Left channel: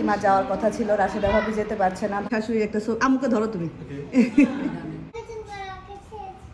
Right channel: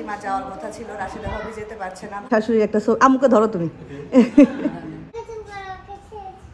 তাসলিমা যাওয়ার কথা ছিল, রাশেদা ভাবি যেতে পারছে না। শাশুড়ি একটা আমুকে ধরো তুমি।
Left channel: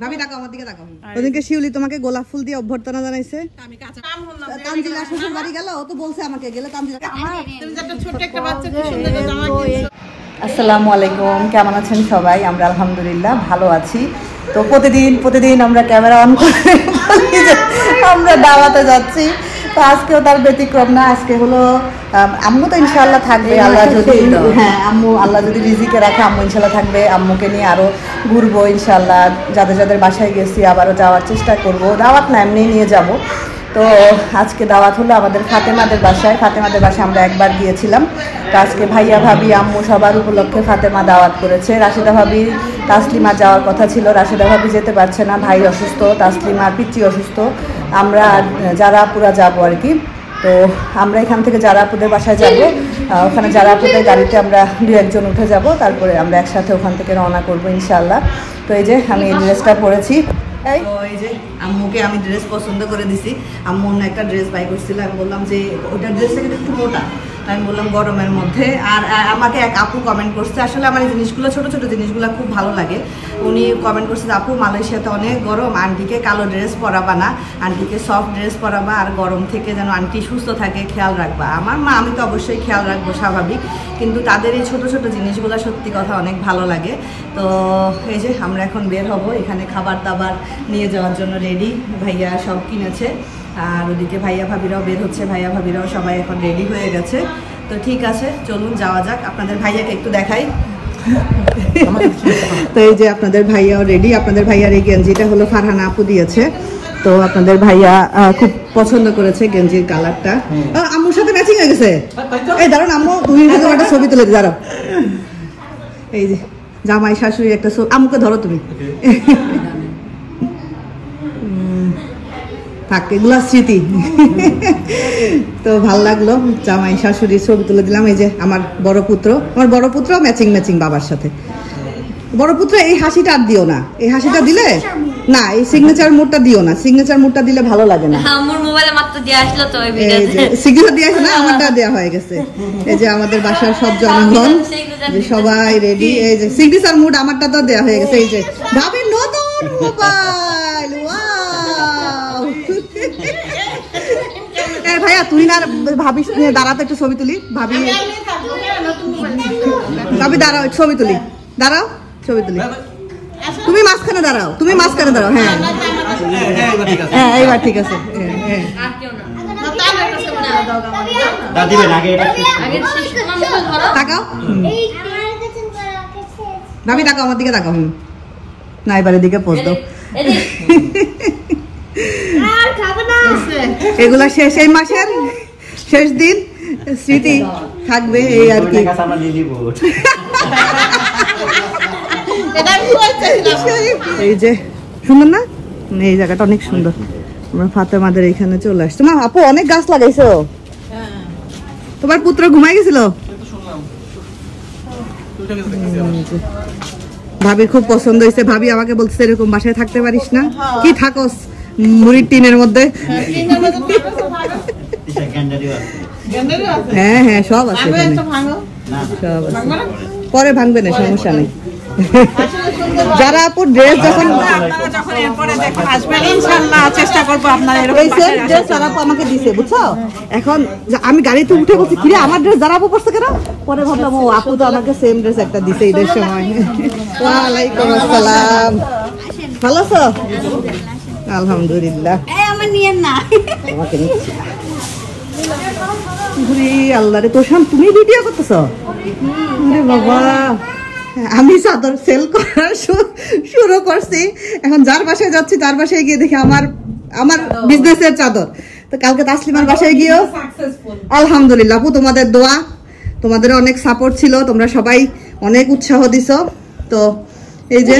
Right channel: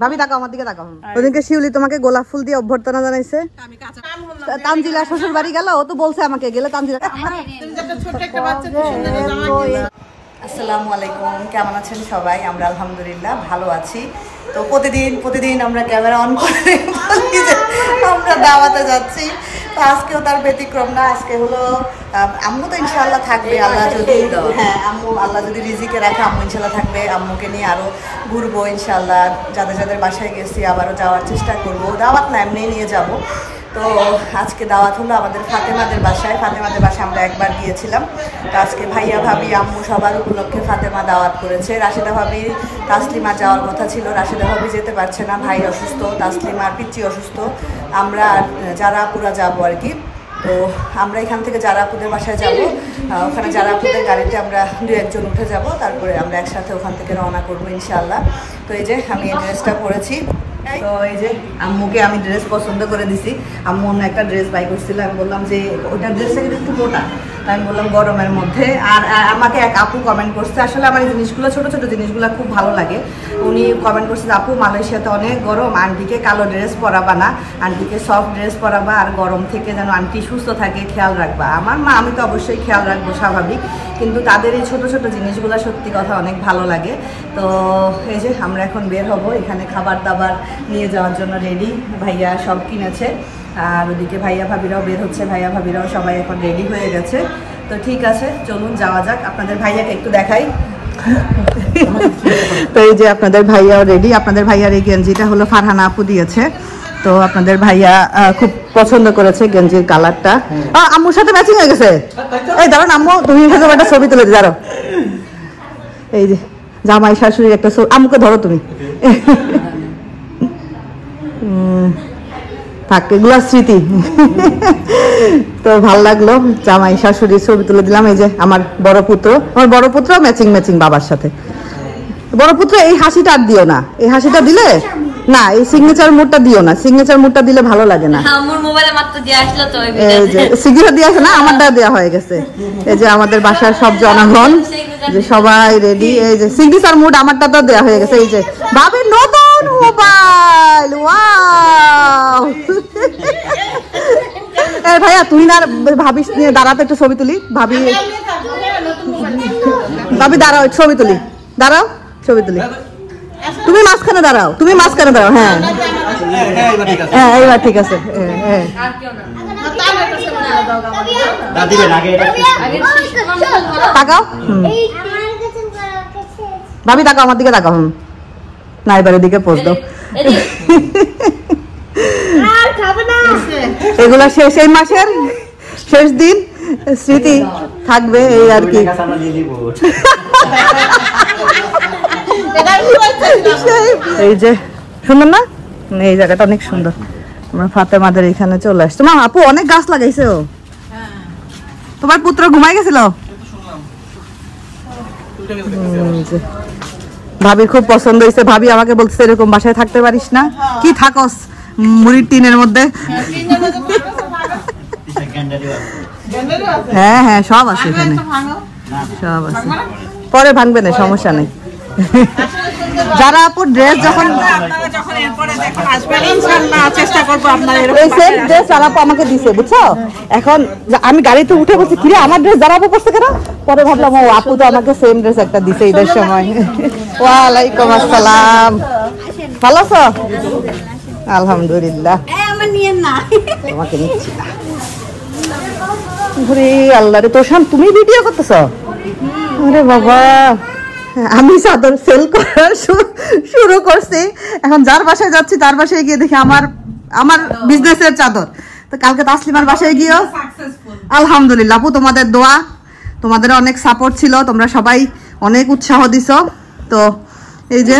ভাবি তাকাও আমার দিকে, তাকাও। ওদিকে শিউলি তোমাকে গোলাপ ফুল দিয়ে অভ্যর্থনা জানাইছে। তানজিলা শ্বশুর বাড়ি গেল, ও তো বলছে আমাকে গেলে তানজিলা। আসসালামু আলাইকুম, কেমন আছেন সবাই? আমরা আলহামদুলিল্লাহ ভালো আছি। তো প্রতিদিন আমরা ক্যামেরা অন করে বলি যে আমরা দাওয়াতে যাচ্ছি, তো আজকেও তার ব্যতিক্রম না। আজকে হলো আম্মু তো ইনশাআল্লাহ থাকবে, আল্লাহ যদি আল্লাহ যদি রিজিকে রাখে আম্মু ইনশাআল্লাহ থাকবে। আম্মুকে নিয়ে আরো ঘুরবো ইনশাআল্লাহ, যাদের বাসায় গেছি আবারও যাওয়ার চেষ্টা করব। দাওয়াত না, এমনি নিয়ে যাব। তো আজকে দাওয়াত হলো আমাদের ফাতেমাদের বাসায়। ফাতেমাদের বাসায় আমরা একবার গিয়েছিলাম। তো আজকে ভাইয়া ভাবি আম্মু সবার উপলক্ষে ফাতেমা দাওয়াত করেছে। রাশেদা ভাবি তাসলিমা যাওয়ার কথা ছিল, রাশেদা ভাবি যেতে পারছে না, ভাই অসুস্থ, তাসলিমার পিচ্চি অসুস্থ। আমরা জারাপুরা যাব আর কি। তো আমরা এখান থেকে জারাপুদের বাসায় যাব, ওখানে জারাপুদের গাড়িতে আমরা 2-1 উঠে যাব, তারপরে আমরা একসাথে ওখান থেকে রওনা করবো ইনশাআল্লাহ। তো এই যে আমি এই ড্রেসটা পরেছি। তো এই যে আম্মুকে আমি ড্রেস পছন্দ করে দিছি। আম্মু অন্য একটা ড্রেস বাই করছিল, আমি বললাম যে ওইটা ড্রেসটা কিন্তু একটু মোটা, তাই আমি বললাম গরমের মধ্যে। আর আমাকে এক আপু কমেন্ট করছে, আসলে আমার এই জিনিসগুলো ছোট জিনিসগুলো খুব ভালো লাগে। উনি কমেন্ট করছে, আপু মালয়েশিয়াতে অনেক গরম, আন্টিকে কালো ড্রেস পরাবা না, আন্টিকে সফট ড্রেস পরাবা, আর গরম থেকে যেন আন্টি সুস্থ থাকে খেয়াল রাখবা। আমার মা, আমি তো অবশ্যই খেয়াল রাখবো, স্বাভাবিক, কিন্তু তাদের এই ছোট জিনিসগুলো সত্যি কথা অনেক ভালো লাগে। তো এই যে আমরা এখন বের হব, এখানে খাবার দাবার নিয়ে যাওয়ার জন্য রেডি। ভাইয়া সব কিনেছে, আর ওদিকে ভাইয়া ভাবিরাও বের হচ্ছে, ভাইয়া ভাবিরাও সবাই এখন রেডি হয়ে গেছে। তো ঠিক আছে, চলুন যাওয়া যাক। আপনাদের ভাইয়াকে একটু দেখাই। তো এই যে আপনাদের ভাইয়াও রেডি। আপনাদের ভাইয়ার এই গেঞ্জিটা হলো ফারহানা আপু দিয়েছে। তো আপনাদের ভাইয়া খুব পছন্দ করেছে গেঞ্জির কালারটা। আম্মুর সাথে ম্যাচিং হয়ে গেছে। এই দাঁড়ান আম্মু, তুমি একটা ছবি তুলে দাঁড়াও। এই যে জামাই শাশুড়ির একটা ছবি, আম্মুকে ধরো তুমি। থাক, এগুলো স্মৃতি। তো ভাল লাগলো, জামাই শাশুড়ির ছবি তুলে দিলাম। এই যে আমার বড় পুত্র ম্যাচিং বাবার সাথে। বড় পুত্র এই হাসিটা আর দিও না, এই হাসিটা দিলে না, এই সিগনেচার মুডটা দিও না, সিগনেচার মুডটা দিলে ভালো লাগে না। আমার মোবাইলে মাত্র দিয়ে আসলো তো, এই যে সিগনেচার দিয়ে আসে না, আমারটা দেওয়া হয়ে গেছে। এই যে আমাদের বাসার সব জনগণ যে সবাই রেডি। এই যে সিগনেচার মুড আমারটা তো দেওয়া হয়ে গেছে। এই যে ভাবির নতুন মোবাইল, ওয়াও। এই ভাইয়া তুই না ভাবি দাঁড়াতে একটু ছবি তুলি। ভাবি দাঁড়াও, ছবি তুলি, দাঁড়াও ছবি তুলি। তুমি মাঝখানে দাঁড়াও, হ্যাঁ হ্যাঁ এইবার ঠিক আছে। তাকাও ভাবি, তাকাও আমার দিকে, তাকাও। না এবারের দিকে পোজ দাও। এগুলা শেষ, এই মাসের শেষ দিন, স্মৃতি থাকবে এই আর কি। এই যে সুন্দর না, এই জায়গাটা অনেক সুন্দর। আমরা ফাতেমাদের এখানে চলে আসছি। মা আপু অনেক গাছ লাগাইছে। তোমার পুত্র ঘুমাই গেছিল? ভাবির খুব পছন্দ হয়েছে। ভাবি আমাকে বলছে এরকম বাসায় থাকতে পারিস না, কি থাকস মুড়ির টিনের মধ্যে। হ্যাঁ হ্যাঁ সব আছে এখানে, সব আছে, পরে ভাঙবে না, সমস্যা নেই। যারা আপু ড্রেস যখন চেষ্টা করবো, এই সেম ড্রেস যারা আপু আমাকে দিছে, বুঝছো? এখন আমি গাড়িতে উঠে বলছি ফিরে আমার ড্রেস যারা আপু পড়ছে কেন, পরে ভাবলাম ও আপু তো আমাকে সেম ড্রেস একটা দিছে ঈদের সময়। ওয়ালাইকুম আসসালাম, ভালো আছো? আলহামদুলিল্লাহ। আল্লাহ রে তোষান, তুমি ভিডিও করতেছ? আরে বাবা, আমি চাদর সেল করার শুরু করছি। এখন যার বাসায় যাচ্ছি তার বাসায় গিয়ে দেখি আমার বিজনেসের চাদর। তো কালকে তাসলিমার বাসায় গিয়েও আলহামদুলিল্লাহ আপু তোমাদের দোয়া, তোমাদের অনেক সাপোর্ট ছিল, তোমরা সবাই অনেক উৎসাহ দিছো। তো এই যে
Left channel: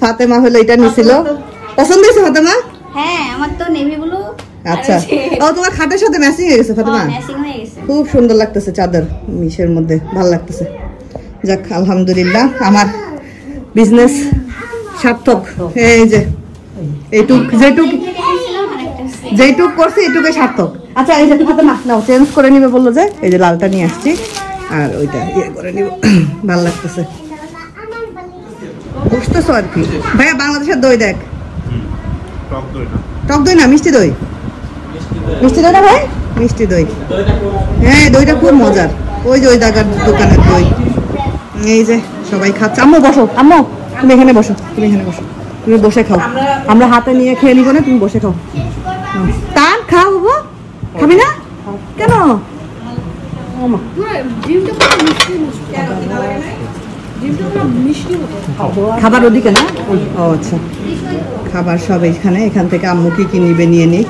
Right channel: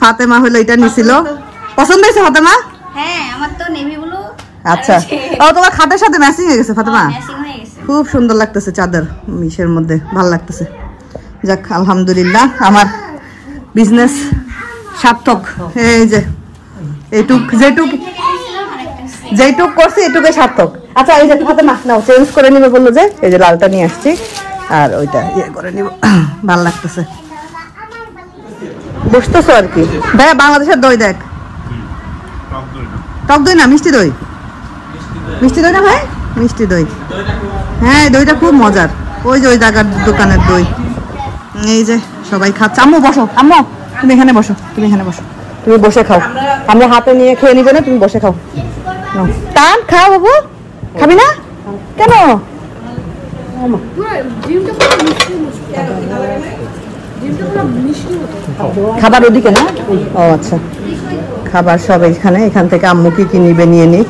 ফাতেমা হলো এটা নিছিল, পছন্দ হয়েছে ফাতেমা? হ্যাঁ আমার তো নেভি ব্লু। আচ্ছা, ও তোমার খাটের সাথে ম্যাচিং হয়ে গেছে ফাতেমা, খুব সুন্দর লাগতেছে চাদর, মিশের মধ্যে ভালো লাগতেছে। যাক আলহামদুলিল্লাহ, আমার বিজনেস সার্থক। এই যে এইটুক যেটুক যেটুক করছি এটুকুই সার্থক। আচ্ছা এই যে হাতে মাছ নাও, চেঞ্জ করে নিবে বললো যে, এই যে লালটা নিয়ে আসছি আর ওইটা ইয়ে করে নিব, ভালো লাগতেছে। বসতেছো আর কি ভাইয়া? বাংলাদেশের দই দেখ, টক দই না মিষ্টি দই, মিষ্টি দই না ভাই, মিষ্টি দই। হ্যাঁ দইটা খুব মজার, ওই যে ওই দোকানের দই। এই যে সবাই খাচ্ছে। আম্মু বসো, আম্মু তুমি এখানে বসো, তুমি এখানে বসো, তুমি বসে খাও, আমরা হাতে নিয়ে খেয়ে নিব না, তুমি বসে খাও। টান খাও বাবু, খাবি না কেন? খাবার ওদিকে না? ও আচ্ছা, খাবার সব এখানে, এখান থেকে আম্মু কি কি নিবে নিয়ে নিক।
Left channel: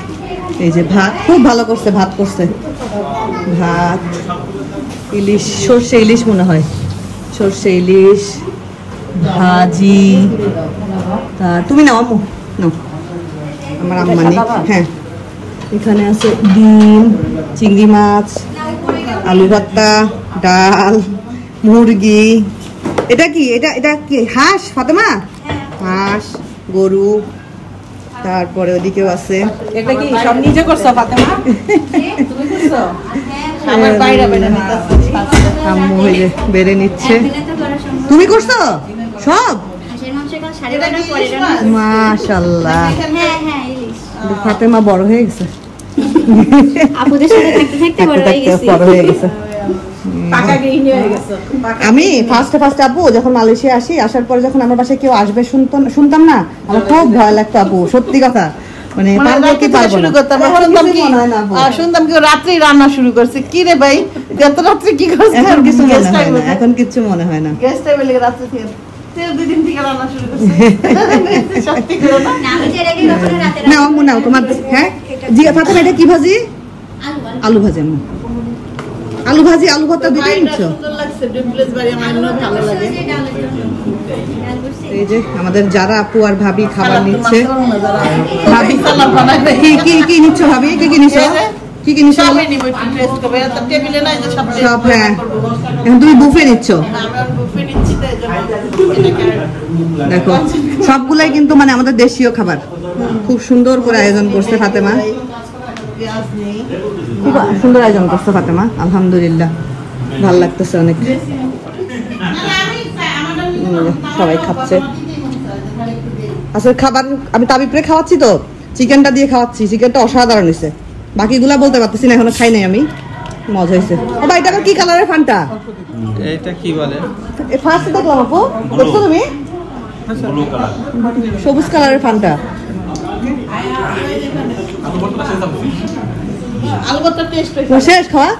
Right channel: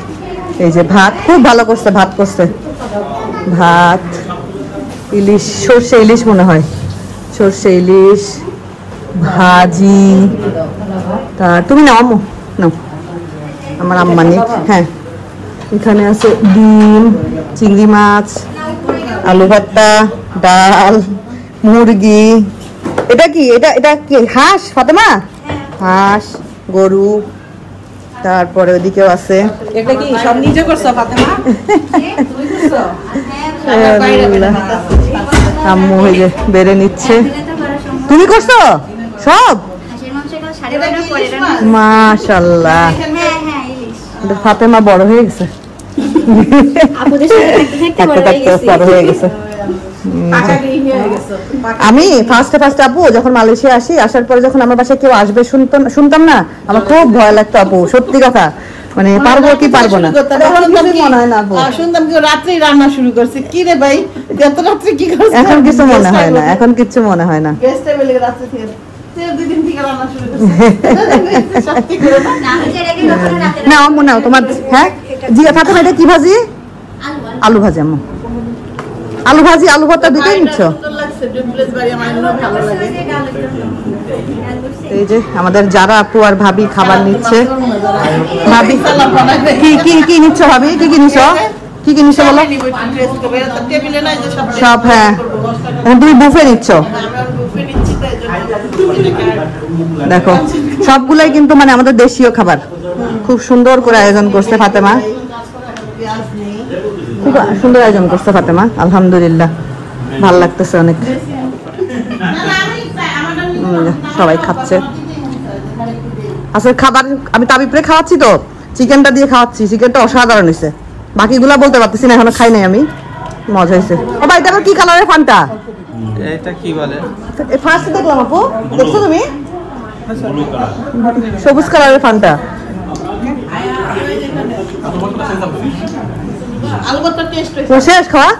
এই যে ভাত, খুব ভালো করছে, ভাত করছে, ভাত ইলিশ, সর্ষে ইলিশ মনে হয়, সর্ষে ইলিশ ভাজি। তা তুমি নাও আম্মু, নাও, আমার আম্মা নিক। হ্যাঁ এখানে আছে ডিম, চিংড়ি মাছ, আলু ভর্তা, ডাল, মুরগি। এটা কি? এটা কি হাঁস ফাতেমা? হাঁস, গরু, তারপরে ওইদিকেও আছে। এটা কি সব নিজে করছো ফাতেমা? আম্মু হয়ে যে বেড়ে নিচ্ছে। তুমি করছো সব? মাশাআল্লাহ, ফাতেমা বড় হয়ে গেছে, বড় হয়ে গেছে। আমি ফার্স্টে আপু যখন মালয়েশিয়া আসি, আসার পরে যখন আমার বাসায় কেউ আসবে শুনতাম না, আমার খুব ভয় লাগতো আপু, সত্যি কথা। মানে পারবো কি পারবো না শুনতাম কেউ রাত্রে রান্না শুরু করছে, কি রে ভাই এত রাত্রে কি করছে? এখন কিছু মনে হয় না, এখন কিছু মনে হয় না। না আম্মু নাও তোমার। হ্যাঁ জি ফাতেমা, এটা কি ভাজি? আলু ভাজি আম্মু, আলু ভাজি, আলু ভর্তা দুটোই নিচ্ছ? এই যে আমাদের যারা আপু আর ভাবি খাবার নিচ্ছে। ভাবি কি কি কি নিচ্ছ ভাবি? কি কি নিচ্ছ? কি কি নিচ্ছ বলো সব? হ্যাঁ এখন তুমি বুফে নিচ্ছ, দেখো সবগুলাই কিন্তু মানে আমাদের দেশীয় খাবার, খুব সুন্দর করে আয়োজন করছে ফাতেমা, খুব সুন্দর আয়োজন করছে ফাতেমা, আলহামদুলিল্লাহ ভালো লাগতেছে অনেক। সবাই খাচ্ছে। আসলে খাবার আমি তাবিপ্রে খাওয়াচ্ছি তো, চিকেনটা দিয়ে খাওয়াচ্ছি, চিকেনটা অসাধারণ হয়েছে, বাকিগুলা বলতে পারতেছি না, এখনো খাই নাই আমি, মজা হয়েছে। এবার এটা কি কালারের ফান্টা? এটা কি বলে? তুমি সবুজ কালারের ফান্টা। শেষ খাওয়া?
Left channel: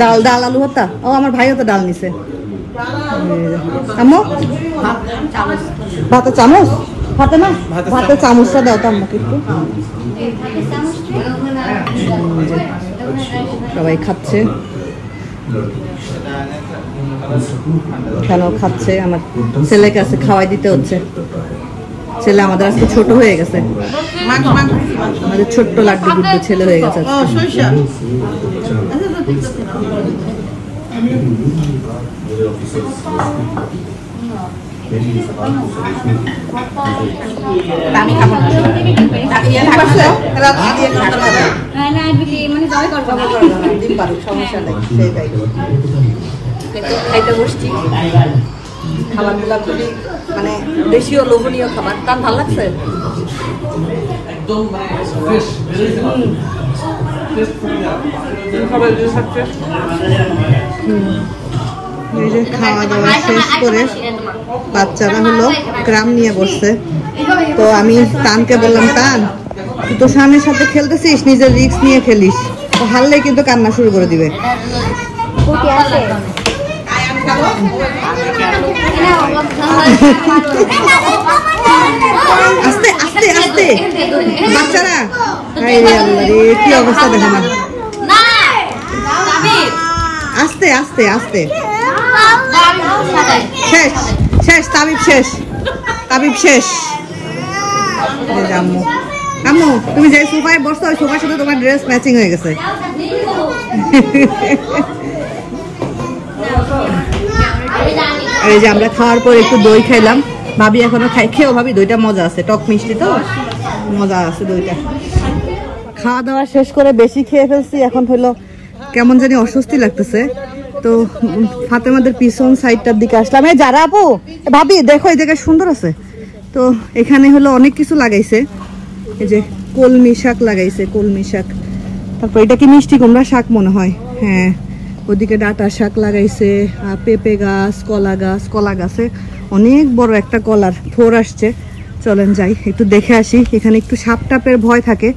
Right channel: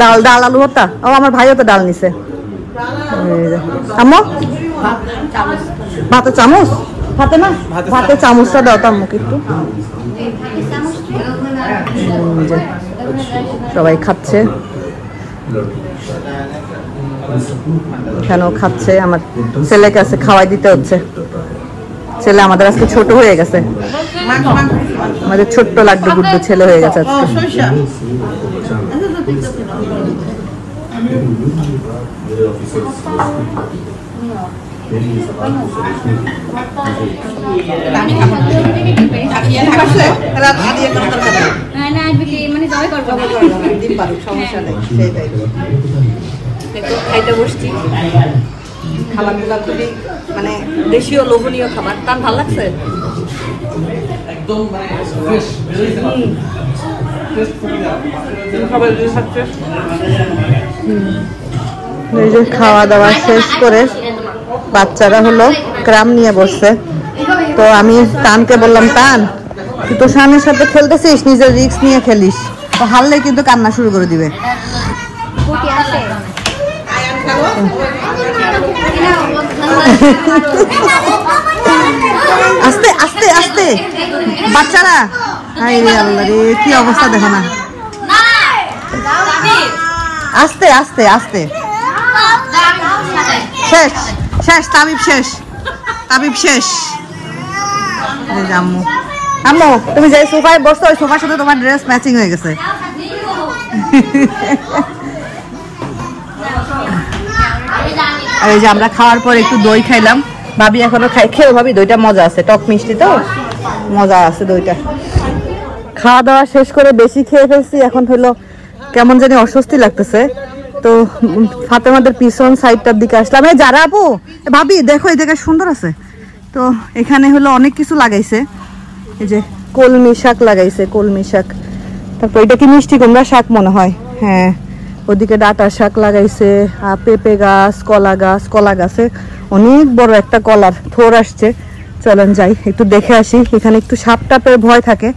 ডাল, ডাল আলু ভর্তা। ও আমার ভাইও তো ডাল নিছে। আম্মু ভাতের চামচ, ভাতের চামচটা দাও তো আম্মুকে একটু। সবাই খাচ্ছে, এখানেও খাচ্ছে। আমার ছেলেকে আছে খাওয়াই দিতে হচ্ছে, ছেলে আমাদের আজকে ছোট হয়ে গেছে, আমাদের ছোট্ট লাড্ডু গুড্ডু ছেলে হয়ে গেছে আজকে। খাইতে বসছি, খাবারগুলো খুবই মানে দেশীয় লোভনীয় খাবার। তার ভালো লাগছে, এই যে খাওয়া দাওয়া শেষ করে বাচ্চারা হলো ক্রাম নিয়ে বসছে। তো আমি তানকে বললাম, তান তুই তো স্বামীর সাথে খেলতেছিস, নিজের রিস্ক নিয়ে খেলিস, তো হারলে কিন্তু কান্না শুরু করে দিবে। আস্তে আস্তে আস্তে বাচ্চারা, কি অবস্থা দেখো না, আস্তে আস্তে আস্তে। শেষ শেষ, তাবিব শেষ, তাবিব শেষ। আম্মু, আম্মু তুমি যে সোফায় বসছো, ওই সোফার সাথে তোমার ড্রেস ম্যাচিং হয়ে গেছে। এই যে আমরা খাওয়ার পর একটু দই খাইলাম, ভাবি এখনো খেয়েও ভাবি দইটা মজা আছে, টক মিষ্টি তো মজা আছে দইটা। খাওয়া দাওয়া শেষ করে বেশি খেয়ে ফেলছি, এখন হলো কেমন জানি অস্বস্তি লাগতেছে। তো ফাতেমাদের পিছন সাইডটার দিকে আসলাম। এই যারা আপু ভাবি দেখো এই জায়গায় সুন্দর আছে। তো এখানে হলো অনেক কিছু লাগাইছে, এই যে কলমি শাক লাগাইছে, কলমি শাক। তারপর এটা কি মিষ্টি কুমড়া শাক মনে হয়, হ্যাঁ। ওদিকে ডাঁটা শাক লাগাইছে, পেঁপে গাছ, কলা গাছে অনেক বড় একটা কলার থোর আসছে। চলেন যাই একটু দেখে আসি। এখানে একটু সাপ টাপের ভয় থাকে।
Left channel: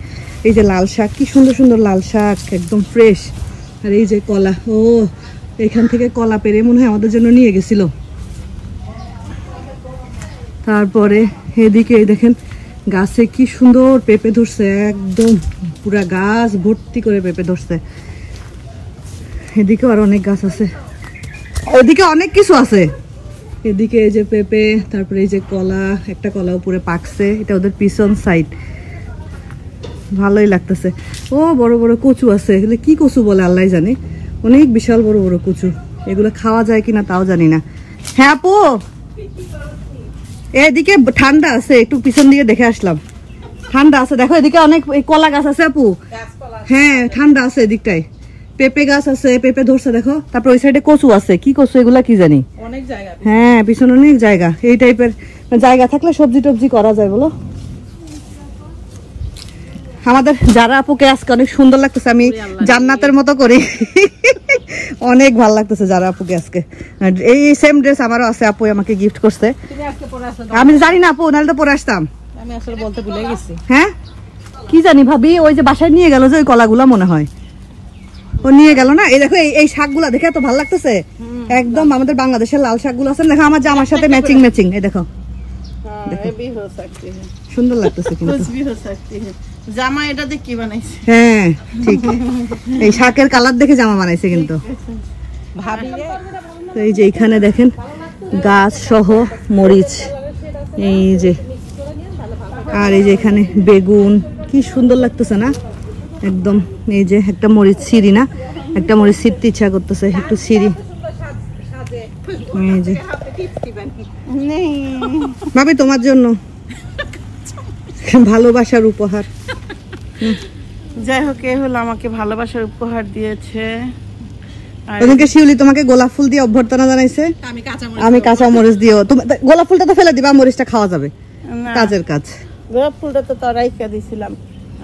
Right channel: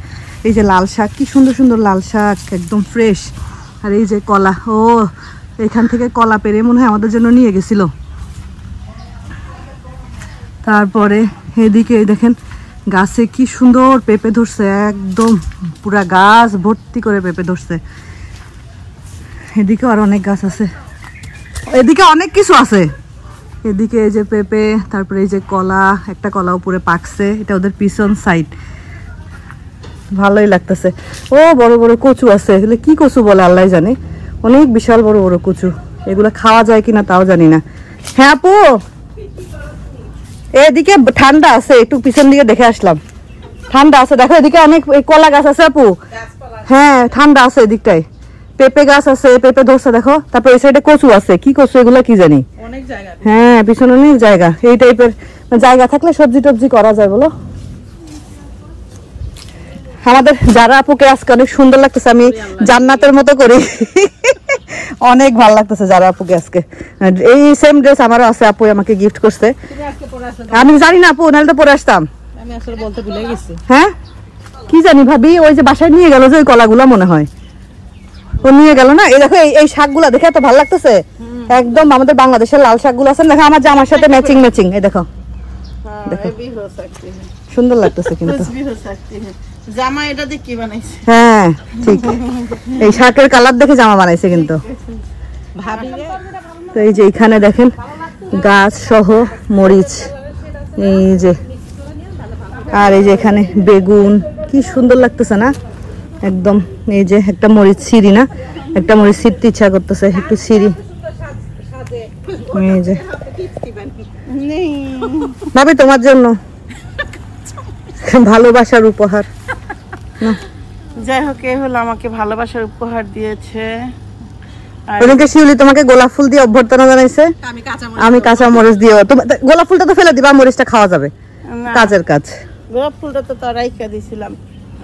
এই যে লাল শাক, কি সুন্দর সুন্দর লাল শাক, একদম ফ্রেশ। আর এই যে কলা, ও এখান থেকে কলা পেরে মনে হয় আমাদের জন্য নিয়ে গেছিল। তারপরে এদিকে দেখেন গাছে কি সুন্দর পেঁপে ধরছে, একদম পুরা গাছ ভর্তি করে পেঁপে ধরছে। এদিকে আর অনেক গাছ আছে, এদিকে অনেক কিছু আছে। এদিকে এই যে পেঁপে, তারপরে এই যে কলা, একটা কলা উপরে পাকছে, এটা ওদের পিছন সাইড। ভালোই লাগতেছে। ও বড় বড় কচু আছে, এগুলো কি কচু বলে আল্লাহ জানে, অনেক বিশাল বড় বড় কচু। এগুলো খাওয়া যায় কিনা তাও জানি না। হ্যাঁ আপু এদিকে ঠান্ডা আছে, একটু পিছন দিকে দেখে আসলাম, ঠান্ডা আছে। দেখো এদিকে অনেক কলা গাছ আছে আপু, হ্যাঁ ঠান্ডা আছে এদিকটায়। পেঁপে গাছ আছে, পেঁপে ধরছে দেখো। তারপর ওই সাইডে কচু আছে, কি কচু এগুলা কি জানি, হ্যাঁ পিছনে অনেক জায়গা। এই টাইপের জায়গা থাকলে সবজি টবজি করা যায় বলো। আমাদের যারা আপুকে আজকে অনেক সুন্দর লাগতেছে, আমি জান্নাতের মতো করি। অনেক ভালো লাগতেছে যারা আপুকে আজকে। এই সেম ড্রেস আমারও আছে, আপু আমাকে গিফট করছে। আমি জানি না আপু, নাহলে তো পরে আসতাম। হ্যাঁ কি জানি ভাবি, ওই যে বাসায় নিয়ে গেল যে ওই কলাগুলা মনে হয় ও নিয়ে গেল না। এই দেখো এই শাকগুলা দেখে এত ভালো লাগতেছে, একদম আমাদের বাংলাদেশের লাল শাকগুলো আছে দেখো, আমার জামার সাথে ম্যাচিং ম্যাচিং। এই দেখো দেখো সুন্দর লাগতেছে কিন্তু জামা এটা দিয়ে কি বানাইছে, হ্যাঁ ঠিক এই শাকের কালার দেখে জামা বানাইছে কিন্তু। তো এই যে এখানে দেখেন গাছ সহ মরিচ, এই যে আর এই যে এখানে বেগুন, কি সুন্দর লাগতেছে না একদম। এই যে একটা মরিচ সিঁড়ি না, একটা মরিচ ছিঁড়তে ইচ্ছা করতেছে, একটু সিঁড়ি। এই যে ভাবি তোমার জন্য ভালোবাসার উপহার। যাই হোক এ হলো আমাকে ভালোবাসার উপহার দিয়েছে। ওদিকে শিউলি তোমাকে গোলাপ ফুল দিয়ে অভ্যর্থনা জানাইছে, আমি কাঁচা মরিচ দিও। গোলাপ ফুলটা তো ফেলে দিবা, মরিচটা খাওয়া যাবে, কাজের কাজ। গোলাপ ফুলটা তো তারাই কে দিছিলাম,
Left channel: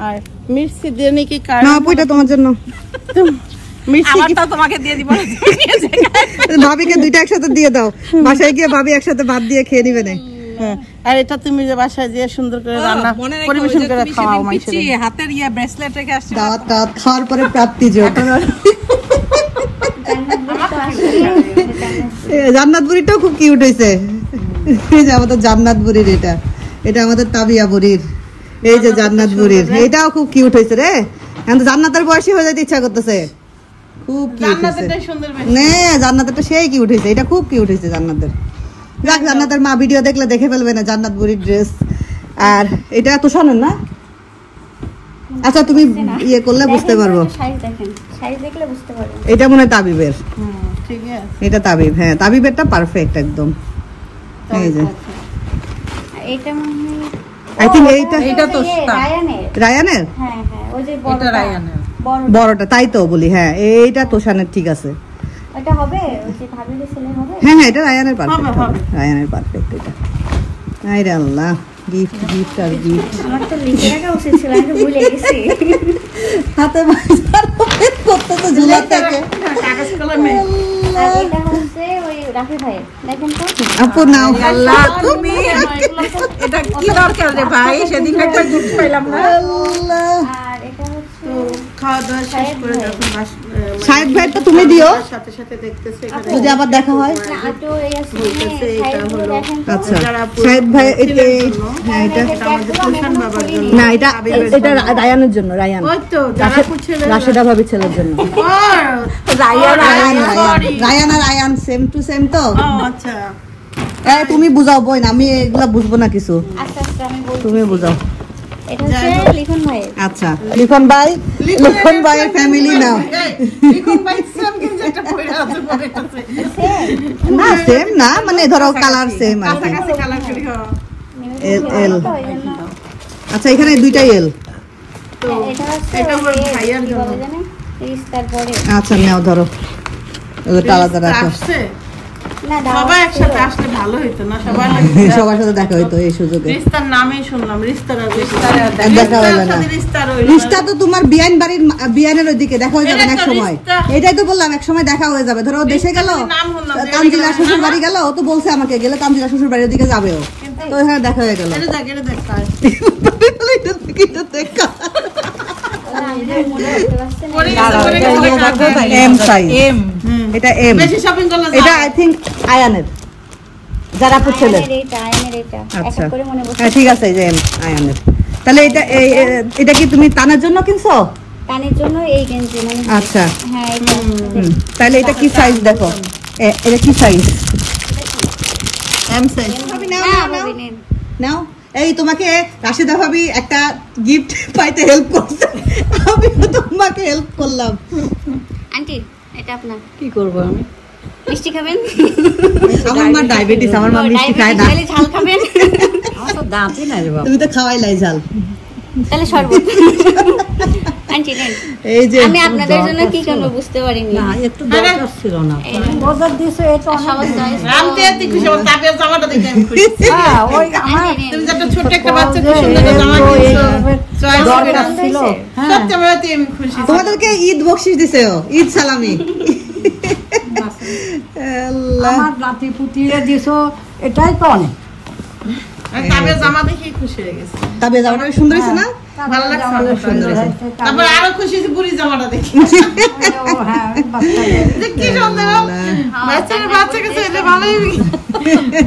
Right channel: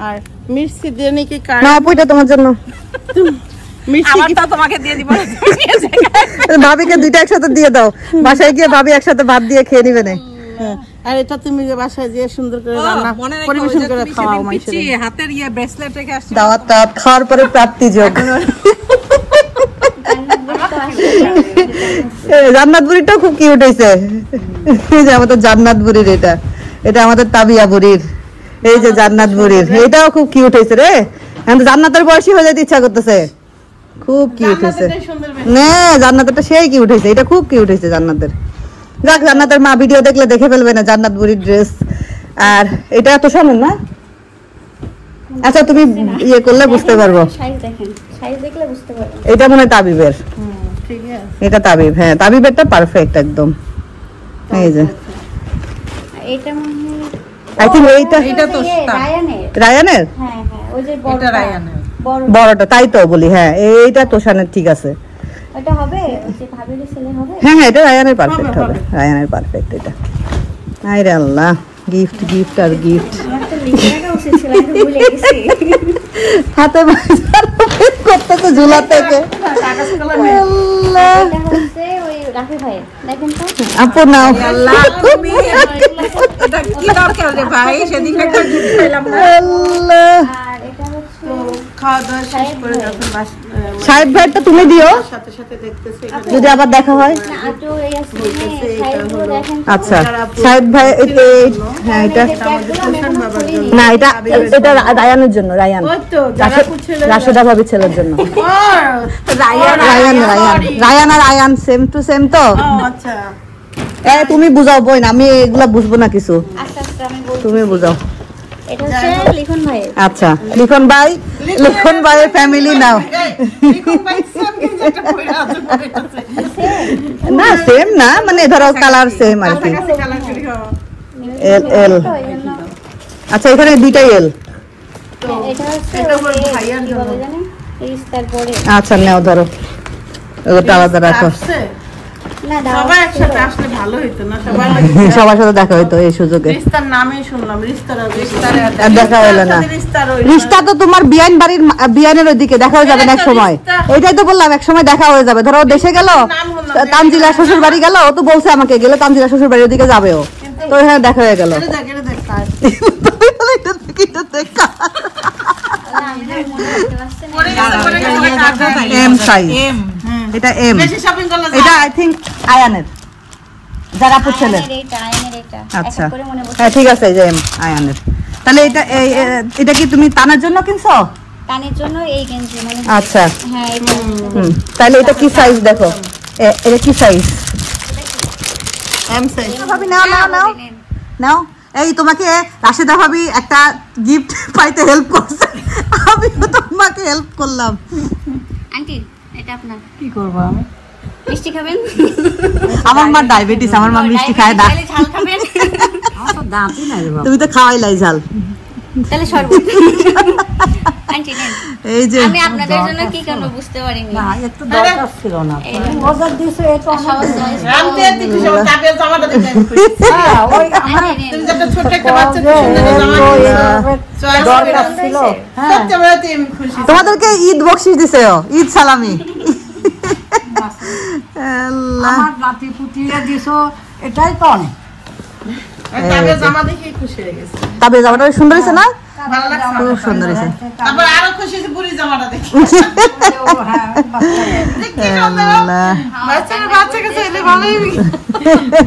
আর মিষ্টি দিয়ে নাকি না আপু এটা তোমার জন্য। আমারটা তোমাকে দিয়ে দিব, ভাবিকে দুইটা একসাথে দিয়ে দাও, বাসায় গিয়ে ভাবি একসাথে ভাত দিয়ে খেয়ে নিবে না। আর এটা তুমি যে বাসায় দিয়ে সুন্দর করে রান্না পরিবেশন করে খাওয়াও, হাতের ইয়া ব্রেসলেট রেখে আসছে। দাওয়াত খাওয়ার পরে প্রাপ্তি যোগ। জান্নাত বুড়িটাও খুব কিউট হয়েছে, এই যে আমাদের জান্নাত বুড়ির, এটা এটা আমাদের তাবিয়া বুড়ির, এই যে জান্নাত বুড়ির, এটাও খুব কিউট হয়েছে রে। জান্নাতের বয়সী হয়ে যেতে ইচ্ছা করতেছে, খুব কিউট হয়েছে। না জান্নাতেরটা সেই কিউট হয়েছে, এটা খুব কিউট হয়েছে জান্নাতের। যাক জান্নাতের মা ভিডিও দেখলে দেখে ফেলবে না জান্নাত বুড়ির ড্রেস। আর এটা এত সামনে না, আচ্ছা তুমি ইয়ে করলে বুঝতে পারবো, এটা মনে হয় তাবিবের, এটা তাবিব, হ্যাঁ তাবিবেরটা পারফেক্ট একদম। এই যে আই থিঙ্ক এইটা রায়ানের, বড়টা তাই তো বলি, হ্যাঁ এইটা তোষানের ঠিক আছে, হ্যাঁ হ্যাঁ এটা রায়ানের পারফেক্ট হবে, রায়ানের পারফেক্ট এটা। আরে আল্লাহ গিফট গিফট আর গিফট, হাতে করতেছে ঝুলা থেকে। আপু নাও সাহেব ভাইটা তুমি দিও যদি আবার দেখা হয়। আচ্ছা সাহেব ভাই হ্যাঁ এটা না, এটা এটা রায়ানের জন্য, রায়ান রাশেদা ভাবির ছেলের জন্য। রায়ান আর আয়ান সেম টু সেম তো। তুমি বুঝাও বোন, আমি এগুলা বুঝবো না কিছু, তুমি বুঝাও। আচ্ছা লিখন ভাইয়ের ফ্যামিলি নাও না, সেম না মানে ধরো কালার সেম আর কি। এল এল আচ্ছা এখানে দুইটাই এল। এটা হচ্ছে ভাইয়ার জন্য তারপরে আচ্ছা নাও ধরো, ওটা আলাদা রাখো। না সবাই একসাথে আসলে ভালো হইতো না, সবাই সবার সাথে দেখা হইতো এই সুযোগে। রিস্তার নামই শুনলাম, রিস্তারও দেখা হলো না। রিস্তা তো তোমার বিয়ান বাড়ির বিয়ানের ওইদিকে দেখা হয়ে যাবে এক সময়। এইটাই তো বললাম এক সময় দেখা হয়ে যাবে। ধরো দেশে গেল, তানজিলা শ্বশুর বাড়ি গেল, ও তো বলছে আমাকে গেলে তানজিলা শ্বশুর বাড়ির ওদিকে যাবে, ও তো এখানে দেখা হয়ে গেল। এম সাইজ, এটা এম, এটা আই থিংক আয়ানের, যারা পুছেলের। আচ্ছা হ্যাঁ ঠিক আছে, এই যে এম আয়ানের। তাহলে এটা এটা কি তুমি তানার জন্য কিনছো? কানের জন্য এই গেঞ্জি মানে আচ্ছা হ্যাঁ এটা তাহলে এটা কি সাইজ দেখো, এটা কি সাইজ? M size. ভাবি নাও নাও নাও নাও। এই তোমাকে রাশেদা ভাবি একটা গিফট পাইতে হেল্প করছে, আমি তোমাকে হেল্প করলাম। আন্টি এটা আপনার। কি করবো আমি? মিষ্টি খাবেন? আমার মা ডায়াবেটিস, আমার মা মিষ্টি খায় না। তাহলে ঝাল খাবেন? আমার তো দাঁতই নাই রে বাবা। তুমি তো খাওয়াই লাই ঝাল। তাহলে শরবত। আন্টি নেন, এই যে আমি আপনাদের জন্য কি করব বুঝতে পারিনি। না এত দরকার ছিল না, মজার দিছো এটা অনেক। রামতে রামতে খুশি হব, তাবিয়া জামাটা দেখে আমি খুশি। হ্যাঁ ওই আমার তুমি একটা ছোট একটা বাচ্চা কি সুন্দর জামা দিছো, দরকার ছিল। হ্যাঁ সত্যি আমি খুশি। তোমাদেরকে ঈদ বকশিশ দিছে, ঈদ সালামি। আমার নাতি পুতিয়ে দিছো, এটাই তো অনেক। তাবিয়া জামা দেখে খুশি হয়ে গেছে। তাবিয়া জামাটা সুন্দর হয়েছে না? ভালো লাগছে, অনেক সুন্দর হয়েছে। তারপর আরো খুশি হয়েছে বুড়ি জামাটা দেখে। হ্যাঁ কি বাচ্চাকে ছেলে ভালোই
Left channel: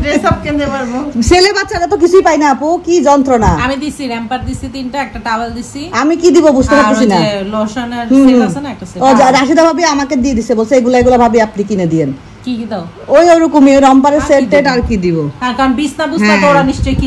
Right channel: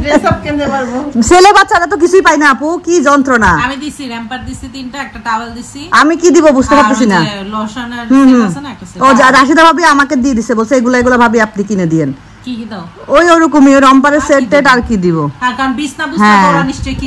ড্রেস আপ কিনতে পারবো। ছেলে বাচ্চারা তো কিছুই পাই না আপু, কি যন্ত্রণা। আমি দিছি র্যাম্পার দিছি 3টা, একটা টাওয়াল দিছি, আমি কি দিব বুঝতে পারতেছি না। লোশন আর সেট আছে না একটা সেট। ও যা রাশিদা ভাবি আমাকে দিয়ে দিছে, বলছে এগুলা এগুলা ভাবি আপনি কিনে দিয়েন। কি কি দাও? ওই ওরকমই রম্পারের সেট টেট আর কি দিব। হ্যাঁ কারণ বিছনা বুঝতে ওরা নিশ্চয়ই কি